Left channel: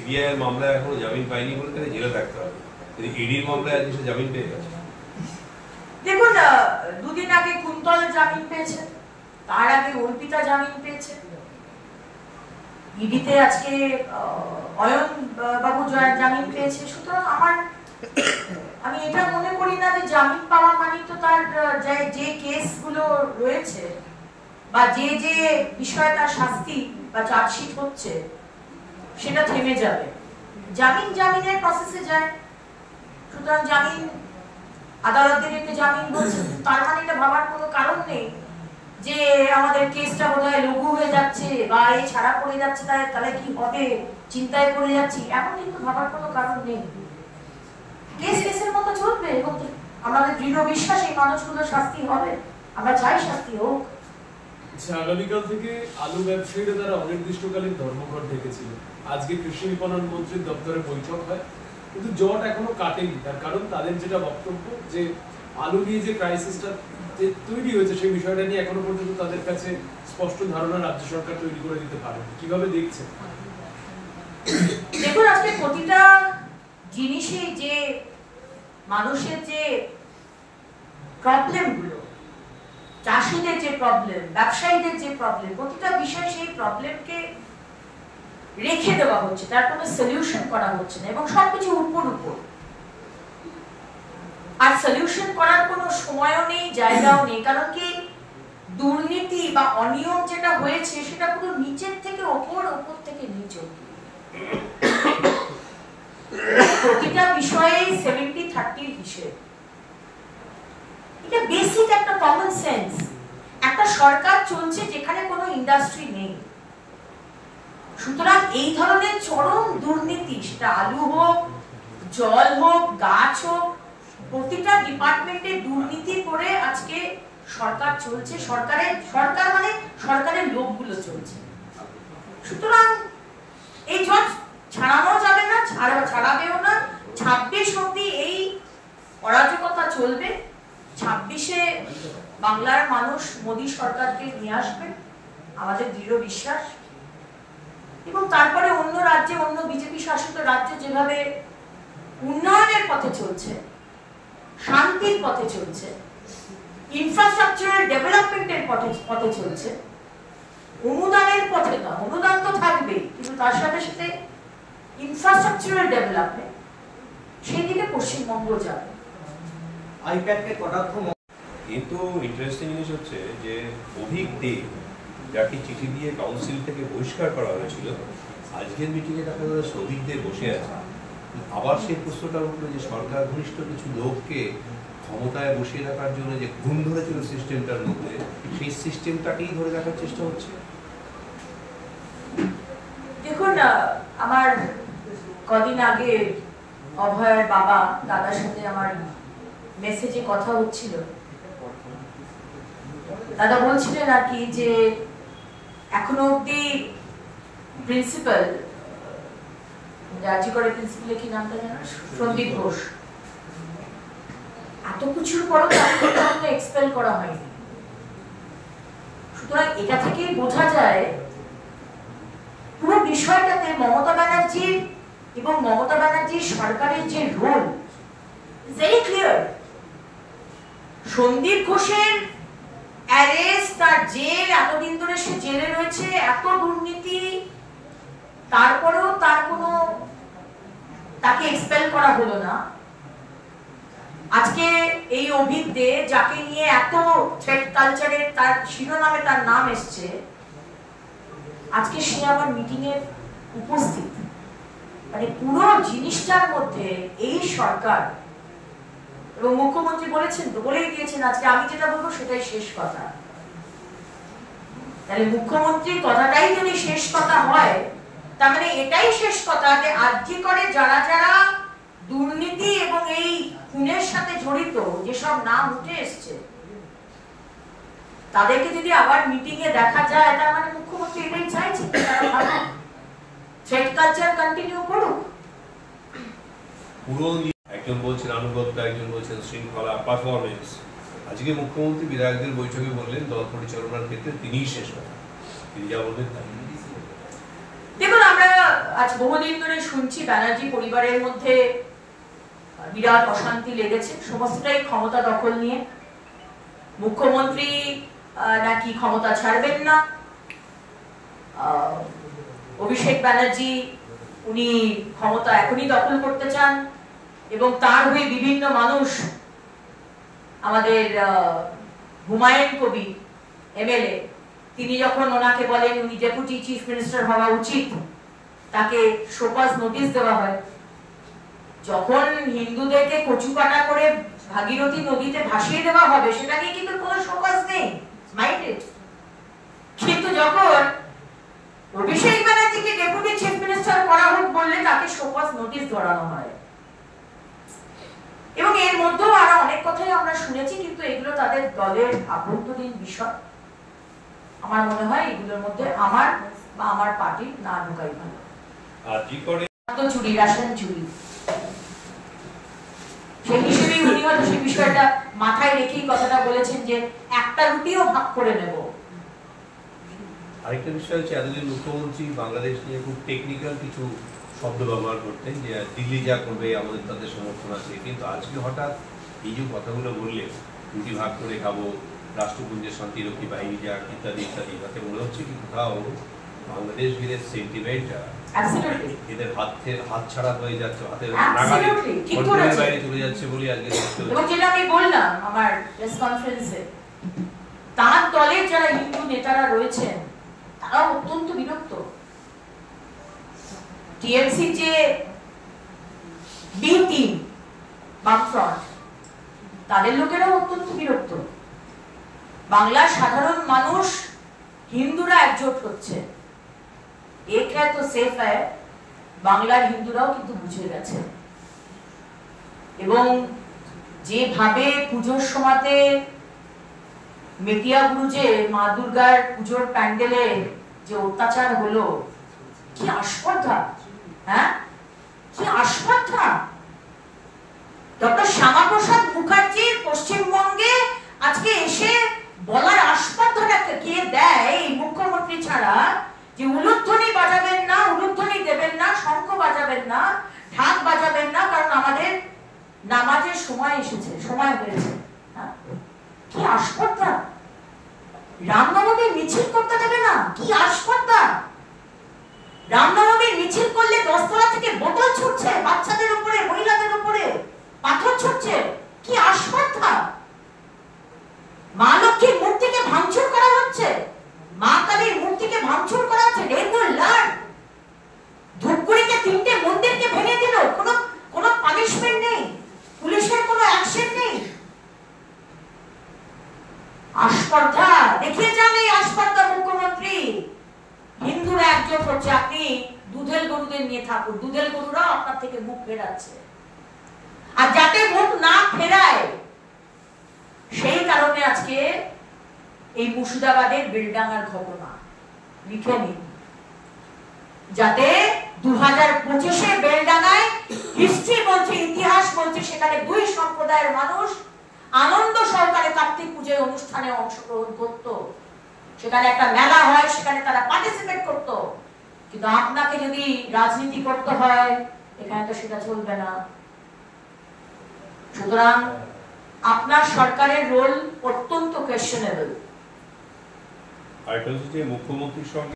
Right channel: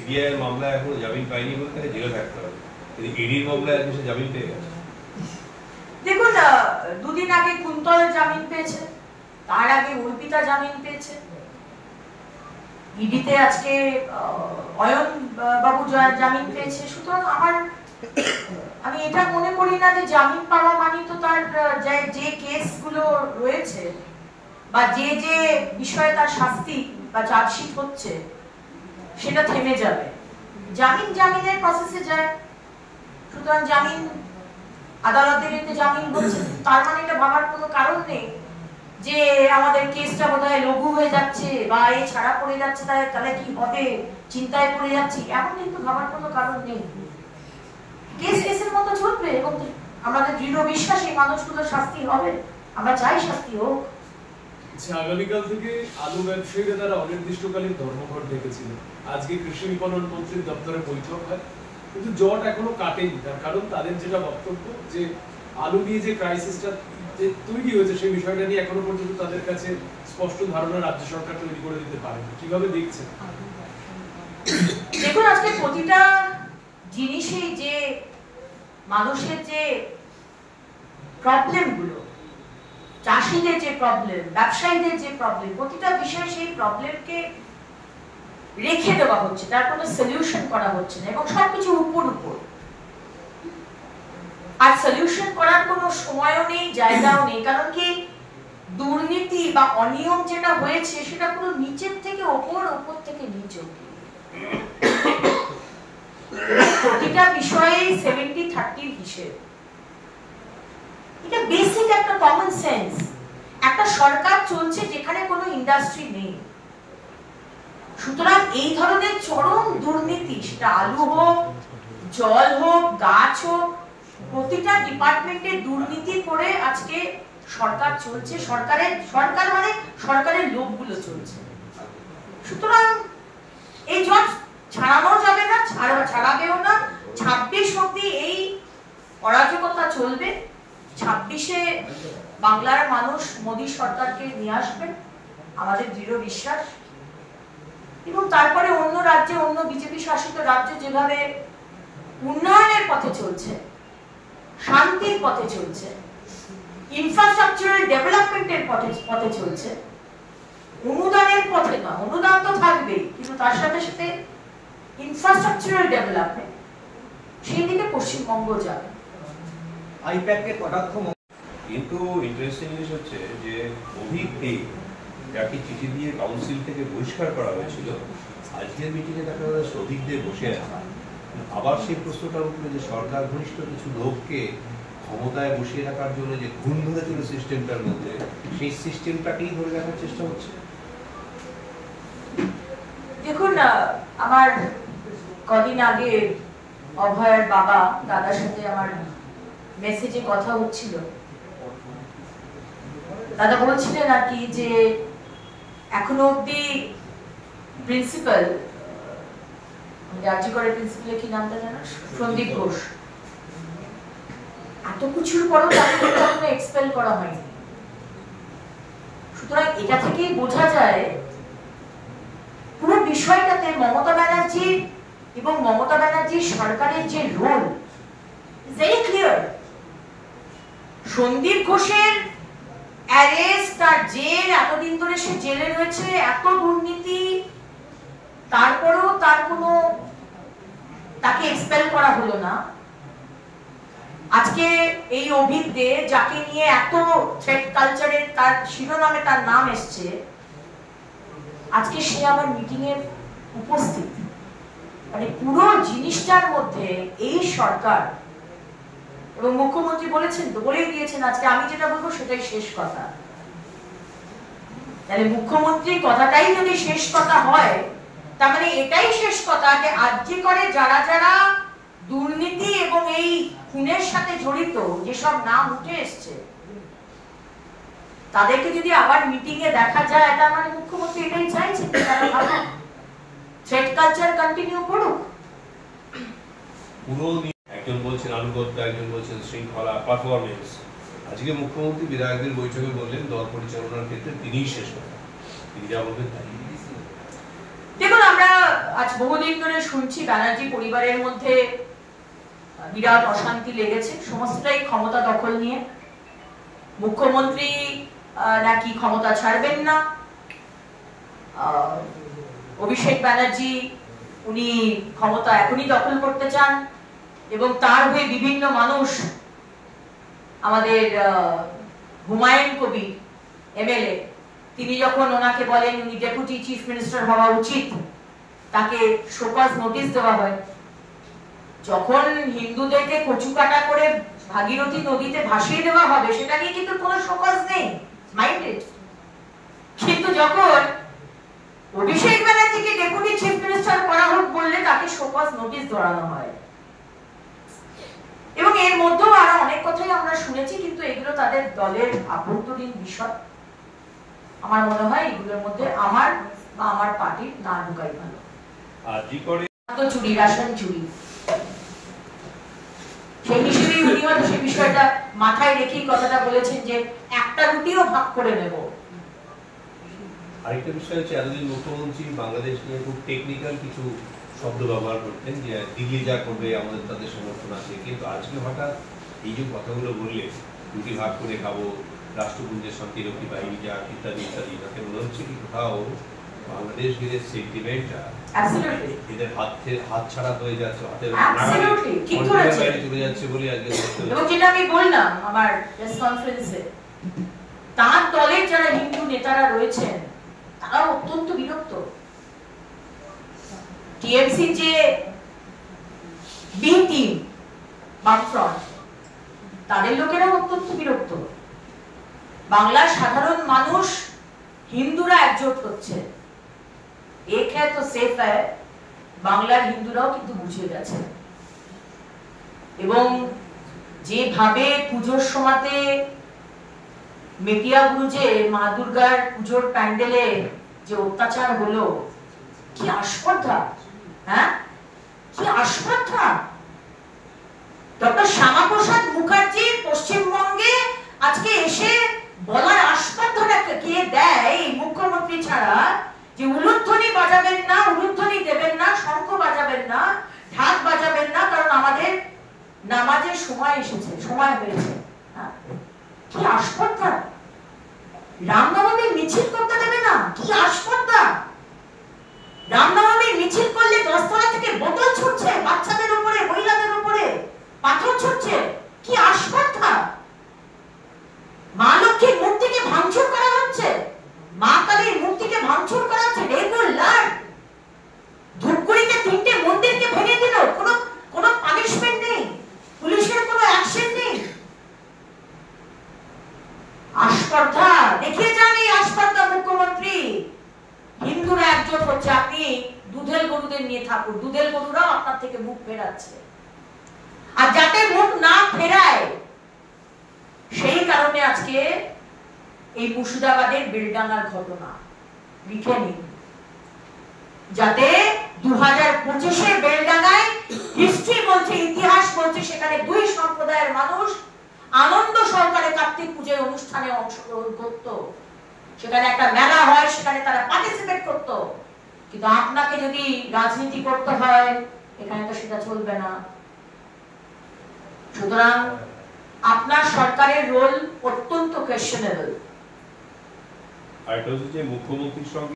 CBI মামলা এখনো জামিন পায়নি বলে তাকে জেলে থাকতে হবে, কিন্তু ইডির মামলায় আজকে সে জামিন পেয়ে গেছে। দেখুন, দুদিন আগে কুন্তল জামিন পেয়েছে, তার আগে অর্পিতা জামিন পেয়েছে, ইডিতে আজকে অয়ন বাবু জামিন পেয়েছে। সুতরাং আমি এটা মনে করি না যে জামিন পাওয়া মানে তো তার যে কেসগুলো রয়েছে বা যে বিষয়ে তার শাস্তি বা চার্জশিট হচ্ছে সেটা থেমে যাবে। জামিনের প্রসেসে যায়, সুতরাং জামিন আদালতের এতে জামিন হচ্ছে, তার মানে এটা ভাবার কোনো কারণ নেই যে আমাদের কেসটা বোধহয় লঘু হয়ে যাচ্ছে বা এই ছাড়া পড়ে যাচ্ছে, তাহলে কি হবে, চিন্তায় পড়ে যাচ্ছি, এমন কিন্তু ভাবার কোনো কারণ নেই। কেসের মতো চলবে এবং আমাদের দৃঢ় বিশ্বাস এই মানুষগুলোর শাস্তি হবে, আমরা চাই শাস্তি হোক। আগামীকাল থেকে আলু ব্যবসায়ীরা তারা অনির্দিষ্টকালীন ধর্মঘট ডেকেছিল। আজকে কৃষি বিপণন মন্ত্রীর দপ্তরে বৈঠক হয়, কিন্তু জট এখনো কাটেনি। তার কারণ তাদের যেটা বক্তব্য যে আলু নিয়ে যে ক্রাইসিসটা তৈরি হয়েছে সেই বিষয়টা নিয়ে এখনো পর্যন্ত তাদের কাছে স্পষ্ট ধারণা রাজ্য সরকার তৈরি করে দিতে পারে। কিভাবে দেখছেন? দেখুন, আজকে প্রতিটা জিনিসে যে মানুষের যে প্রবলেমগুলো, চাষিদের যে প্রবলেম, ব্যবসায়ীদের যে প্রবলেম, প্রতিটা বিষয়ে সেই প্রবলেমকে রেখে দেওয়া হচ্ছে, তার কোনো সলিউশন করা হচ্ছে না এবং সবকিছু উপর আর সলিউশন করার কোনো সময়ও নেই, জায়গাও নেই। কারণ কি, দুর্নীতি বা অনিয়ম যেটা হয়েছে সেটা পুরো নিচের থেকে ওপর, ওপর থেকে নিচ অবধি প্রতিটা বিষয়ে 70-30 হিসেব। এটা বেসিক একটা কমন সেন্স। একটা সরকার চলছে যেখানে কোনো ইন্ডাস্ট্রি নেই, সুতরাং এই ধরনের চরম দুর্নীতি, সেটা আলু হোক, জল হোক, গাছ হোক, প্রতিটা ডিপার্টমেন্টে দুর্নীতি করে আজকে সরকার চলছে। সরকার মানে সরকারের লোকগুলো চলছে। সুতরাং এই জট ছাড়ানো যাবে না, ছাড়াবেও না। 26 অবধি এই অরাজকতা চলবে। 26-এ বাংলার মানুষ মোদী সরকারকে নিয়ে আসবেন, আমাদের দৃঢ় বিশ্বাস। এবং তারপরে অন্য রাজ্যে, অন্য বিজেপি শাসিত রাজ্য যেভাবে উন্নয়নের পথে চলছে, শান্তির পথে চলছে, ইনফ্রাস্ট্রাকচারাল ডেভেলপমেন্টের পথে চলছে, অনুদানের পথে না, অনুদান তো থাকবেই, কিন্তু তার সাথে সাথে ইনফ্রাস্ট্রাকচারাল ডেভেলপমেন্ট, সেই দিকে পশ্চিমবঙ্গ যাবে। আইপ্যাডকে কটাক্ষ। কিন্তু ইন্টারেস্টিং জিনিস হচ্ছে যে অভিক দে যাকে চিঠি দিয়ে কাউন্সিল থেকে বহিষ্কার করা হয়েছিল, আজকের মিটিংয়ে দেখা যাচ্ছে অভিক দে বসে আছে। আবার সেই প্রশ্নটা উঠলো যে সরকার ঘনিষ্ঠ কিছু লোককে ক্ষমতায় বসিয়ে রাখার জন্য যে ঘুম ধরেছিল সিস্টেমটার মধ্যে, সেই সিস্টেমটাকেই ধরে রাখার চেষ্টা হচ্ছে। দেখুন, আমার কদিন আগে অভয়ের বাবা দাদার সাথে আমার মেসেজে কথা হচ্ছিল। দাদা বলছিলেন আর কি যে এখনো অব্দি প্রিন্সিপাল, রাজ্য করে প্রিন্সিপালের কি নামটা জানো? সন্দীপ ঘোষ। এত কিছুর পরও তাকে এখনো এক্সপেল করা হয়নি। সুতরাং এটা থেকেই বোঝা যায় পুরো বিষয়টাতে মমতা ব্যানার্জি এবং মমতা ব্যানার্জির সরকারের যে রোল ভেরি ক্লিয়ার। সন্দীপ ঘোষের অ্যারেস্ট, তার জেল, এতদিন ধরে সে জেলে রয়েছে, এত দুর্নীতি, তারপরেও তাকে এক্সপেল করা হলো না। আজকে এই অভিক দে, যাকে নিয়ে এত থ্রেড কালচারের তার শিরোনামে তার নাম এসছে, আজকে সে আবার মিটিং এ উপস্থিত। মানে পুরো জিনিসটার মধ্যে এই সরকার এবং মুখ্যমন্ত্রী বলেই দিয়েছেন আজকে আমি যেটা বলবো সেটাই শেষ কথা। তাহলে মুখ্যমন্ত্রীর কথাটাই যদি শেষ কথা হয়, তার মানে এটাই শেষ কথা যে আজকে করে যারা যারা দুর্নীতি এবং এই খুনের সাথে জড়িত যেসব নাম উঠে এসছে, তাদেরকে যদি আবার মিটিং এ দেখা যায়, তার মানে মুখ্যমন্ত্রী এটাই চাইছেন তারা ভালো থ্রেড কালচার কন্টিনিউ করুক। একজন বলছেন আনুগত্য, একজন বলছেন শৃঙ্খলা, পারফরমেন্স। আজকে মুখ্যমন্ত্রী বিধায়কদের বৈঠকে বললেন দল পরিচালনার ক্ষেত্রে তিনিই শেষ কথা, তিনি যা বলবেন তাই। দেখুন, আমরা আজ বহুদিন ধরে শুনছি ব্যানার্জি পরিবারের মধ্যে বিরাট অশান্তি লেগেছে, সমস্তটাই ক্ষমতা দখল নিয়ে। মুখ্যমন্ত্রী নাকি ক্ষমতা ছাড়বেন না, অভিষেক ব্যানার্জি উনি ক্ষমতা এখনই দখল করতে চান, এবং তার হয়ে বিভিন্ন মানুষ, আমাদের হুমায়ুন কবির এমএলএ, তিনি যখন ওনাকে বলেন উনি ডেপুটি চিফ মিনিস্টার হওয়া উচিত, তাকে শোকজ নোটিশ দেওয়া হয়। যখন হিন্দুদেরকে কচুকাটা করে ভাগীরথী নদীতে ভাসিয়ে দেওয়া হবে, সেটা নিয়ে কিন্তু কোনো শোকজ নেই, মাইন্ডেড। কিন্তু যখন অভিষেক ব্যানার্জিকে ডেপুটি চিফ মিনিস্টার করা হোক বললে তাকে শোকজ নোটিশ ধরানো হয়। এবং এর মধ্যেও আরো অনেক কথাই আমরা শুনেছি, কিন্তু এগুলো তাদের দলের আভ্যন্তরীণ বিষয়। আমার মনে হয় এগুলোর মধ্যে আমার বা আমার পার্টির না ঢোকাই ভালো। চুরি, রেশন চুরি, সেই হিসেবেই উনি হয়তো সেই বিষয়টা মাথায় রেখেই কথাটা বলেছেন যে একটা রুটিও ভাগ করে নেব। আরেকটা বিষয় হচ্ছে, এতদিন মুখ্যমন্ত্রী বাংলাদেশ নিয়ে খুব টেকনিক্যাল কিছু শব্দ ব্যবহার করতেন, যে দিল্লি যা করবে আমাদের তাদের সমর্থন আছে, কিন্তু আজকে হঠাৎ এই যে কথাগুলো বললে, রুটি ভাগ করে খাবো, রাষ্ট্রপুঞ্জের শান্তিরক্ষী বাহিনী যা ইত্যাদি ইত্যাদি, তাতে মনে হচ্ছে কি কোথাও বাংলাদেশ ঘিরে সেন্টিমেন্টটা এদের হাত ছাড়া হয়ে যাচ্ছে, হাতের বাইরে চলে যাচ্ছে বলে আজকে। এবং যেটা আমি বললাম আমার প্রেস কনফারেন্সে, তার দলের যারা হিন্দু নেতারা রয়েছেন তারা অত্যন্ত বিরক্ত। টিএমসি যে বি টিম, বামফ্রন্ট, তাদের লোকেরাও অত্যন্ত বিরক্ত। বাংলার সাধারণ মানুষ, হিন্দুরা একজোট হচ্ছে, এক হ্যায় তো সেফ হ্যায়, বাংলার হিন্দুরাও কিন্তু বুঝে গেছে। এবং যেভাবে পুজোর সময়তে মেটিয়াবুরুজে মা দুর্গার পুজোর প্যান্ডেলে যে অত্যাচার হলো, কি আস্পর্ধা, হ্যাঁ কি আস্পর্ধা। ডক্টর শ্যামাপ্রসাদ মুখার্জি পশ্চিমবঙ্গে আজকে এসে বলার আস্পর্ধাটা কে দেয় এই মুখ্যমন্ত্রী ছাড়া, যে উলুধ্বনি বাজাবেন না, উলুধ্বনি দেবেন না, শঙ্খ বাজাবেন না, ঢাক বাজাবেন না, কারণ আমাদের নামাজের সময় এসেছে, সময় হয়েছে। কি আস্পর্ধা। রামনবমীর মিছিল করতে দেবে না, কি আস্পর্ধা। রামনবমীর মিছিল করলে 10 তলা থেকে বোতল ছুটছে, বাচ্চাদের উপরে, মহিলাদের উপরে পাথর ছুটছে, কি আস্পর্ধা। মা লক্ষ্মীর মূর্তিকে ভাঙচুর করা হচ্ছে, মা কালীর মূর্তিকে ভাঙচুর করা হচ্ছে, রেগুলার। ধূপগুড়িতে 3টে মন্দিরকে ভেঙে দিল, কোনো পানিশমেন্ট নেই, পুলিশের কোনো অ্যাকশন নেই। আস্পর্ধা দেখিয়ে যান এই আস্পর্ধা মুখ্যমন্ত্রী। হিন্দুরা একজোট হচ্ছে, আপনি দুধেল গরুদের নিয়ে থাকুন, দুধেল গরুরাও আপনার থেকে মুখ ফেরাচ্ছে। আর যাতে মুখ না ফেরায় সেই কারণে আজকে এই মুর্শিদাবাদের বেলডাঙ্গার ঘটনা লিখে নিন, যাতে 2025-এ বেলডাঙ্গায় হিস্ট্রি বলছে, ইতিহাস বলছে, সেখানে 2 সম্প্রদায়ের মানুষ আনন্দ সহকারে কার্তিক পূজায় অনুষ্ঠানে অংশগ্রহণ করত, সেখানে একটা মেলা হয়, সেখানে তারা পার্টিসিপেট করত। কিন্তু আপনাকে যদি রাজনীতি করতে হয় এখানে তো সেটা চলবে না। সুতরাং আপনার সরকারের রোল অত্যন্ত কোয়েশ্চেনেবল। আর এটা হচ্ছে যে মুখ্যমন্ত্রীর সঙ্গে